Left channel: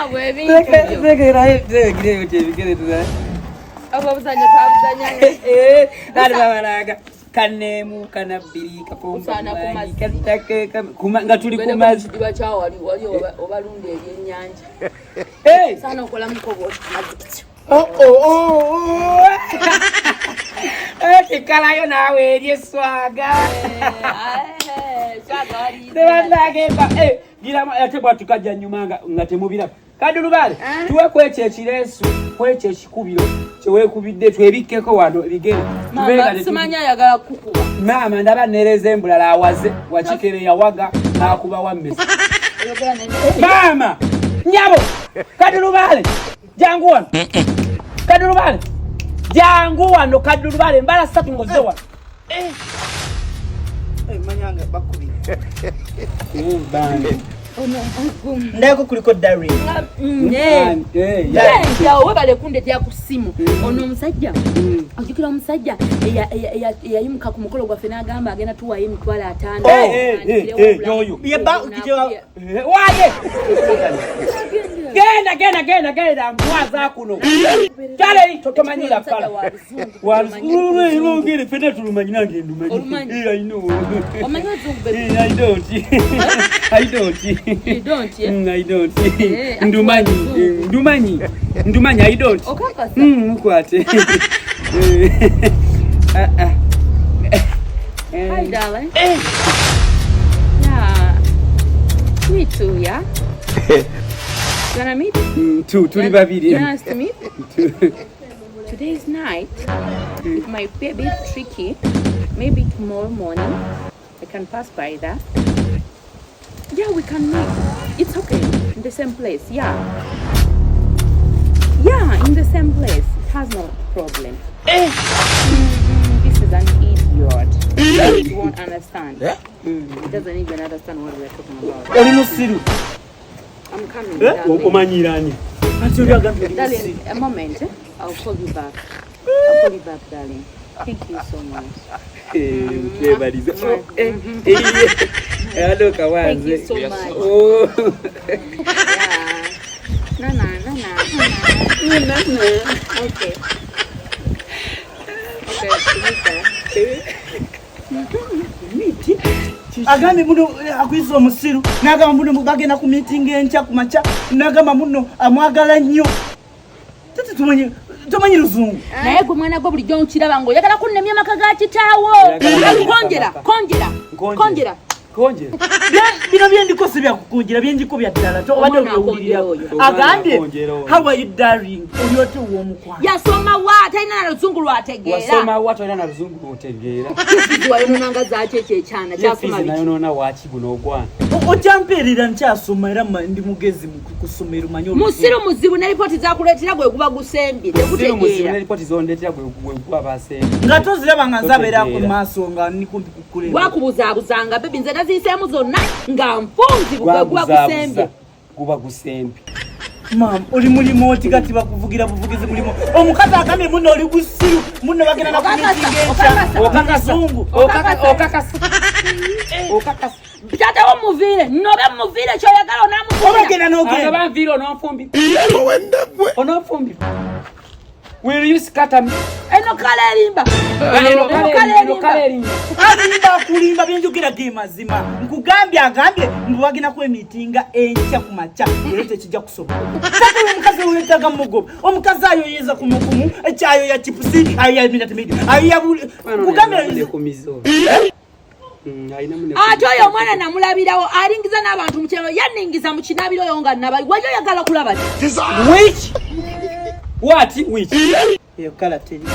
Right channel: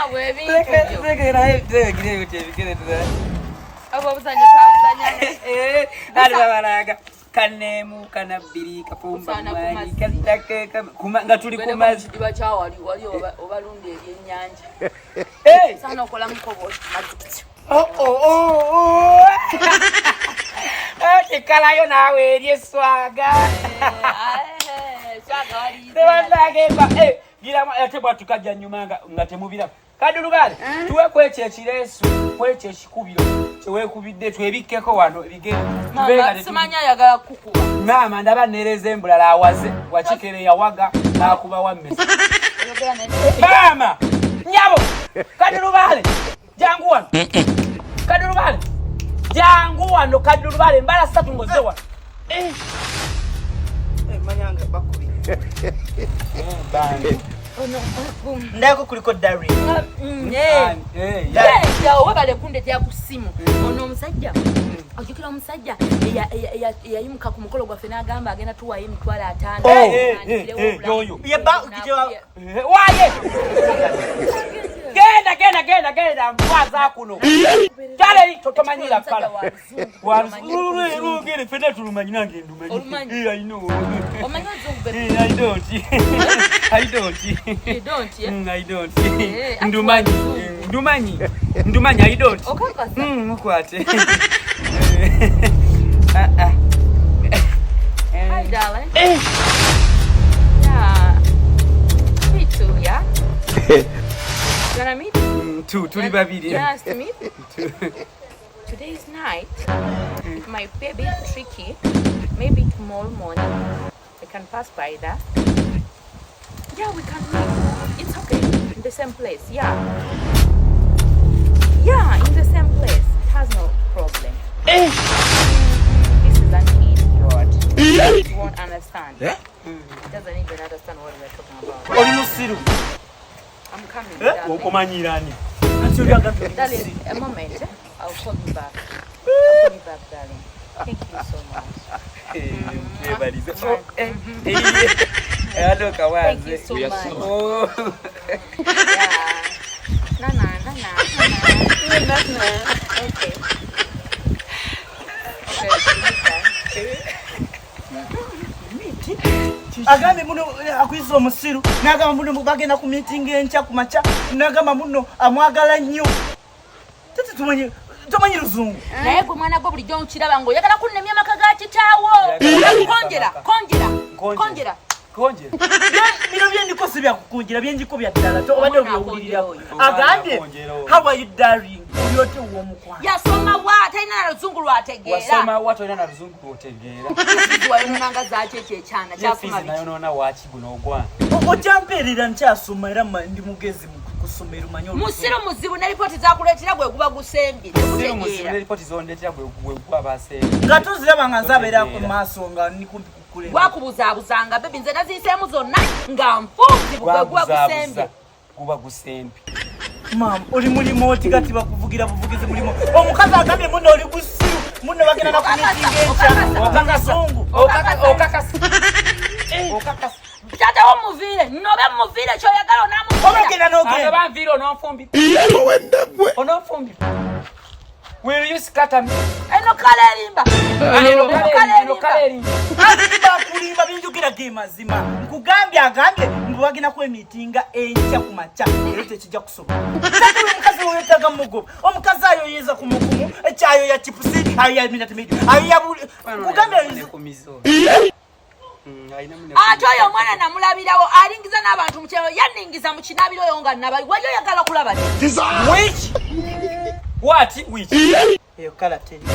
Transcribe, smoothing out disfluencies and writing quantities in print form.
Awe bintu. Ababuzanya kabuzanya. Nali babalaga. Kanemu kanabiri kapomba katake nga tuli ku mazi diba cha wali obalunde ebyennyanja sana okola mukobo kikalayo nawe eryeswaga swaga wali gira ate bwatukajja nyuma nga temubira kadulubale tuwe kweche ekiresu kweche ekikubiro kyewekubidde twebikkeko wano bigere mama simanya yagala kukuba mama ndaba nereze embulala awaze wakikere yawaga nakuba wammesi mama nyabo kadulubale jangu wano kadulubale jangu wano kadulubale mbala satu ngoze wano manyanga bakubi bande ndako kuliko diary ya webale kunde tya kusimu ono musajja akikira omusajja yayimuka ku mukolo gwa fena agamba agenda tuwa ye mitwala 5 yoyo yeba ukijewa waye genda mwaza kuno kale totomanyira kala wazuru ngere fena tulumanyina ngendo manyi I know I don't You don't, yeah? I don't. Ndumanyi, I don't. Mukwate. Hi, darling. Yeah. Me too, yeah? You wanna meet? Tuli babiri. Nice to meet you. Today's night, it might be a bit tricky. Maybe tomorrow morning, I can pass by there. Yeah, we can meet. It's okay. In the same place. Yeah. Yeah, in the same place. It has no problem. This is an idiot. He won't understand. Yeah? He doesn't even understand what we're talking about. I'm coming. Darling, a moment. I'll call you back. Darling. Thank you so much. Hello, thank you so much. Okay. Agambe muno akwizo musiru nagamba muno bagenda ku meeting encha ku macha nagamba muno amwagala nnyo tete tumanyi luzungu naye gwe mwana gwo buli jjo kiraba ngo yagala kunnemya maka ga kitaawo konjera bino byendikose bya kukunjira byenjiko bya ddala to obadde obyowulirira agambye how are you darling olyote uwomukwa yasoma wa talina na luzungu lwategeera wasoma wa talina na luzungu lwategeera wayo nanga zache kyechana kyasoma biki nayo nona wachi guno ogwana okyamperera nkyasoma era ndi mugezi mu kusomera manyo musiru muzibu ne report zakuletera gwe kuba gusembi musiru muzibu ne report zondetera gwe kuba basembi ngato ziraba nganzabera ku maso nga nikumbi kukuleba wakubuzabuzanga bebi nze nazisemu zonna nga mfunzi kuba gusembi Mam, oli mulimo otigati bakuvugira buvugize mulimo. Omukazi akamye muno oli gusiru. Muno bagenda na kumitinga encha. Okakazungu. Okakasa. Bitata omuvire. Nobe muvire kyo yagala onamu. Obagenda nogenda. Ano banvire onofumbi. Onofumbi. Will you scatter me? Eno kalerimba. Eno kalerimba. Kulimba byenjogera gemazima. Nkugambye agambye mbwagina ku emitinga encha ku macha. Lete kijja kusoba. Sasa omukazi oyetaga mugoba. Omukazi ayo yeza ku mukumu, ekyayo ya chipusi, ayo ya minute media. Ayo ya kugambye ku mizo. Atoyo omwana namulabirawo alingiza n'abantu mu kyalo yaningiza mu kinabiro yonga nabayi wayo yagala kulaba. Which? What? Which? Yo kala tell you.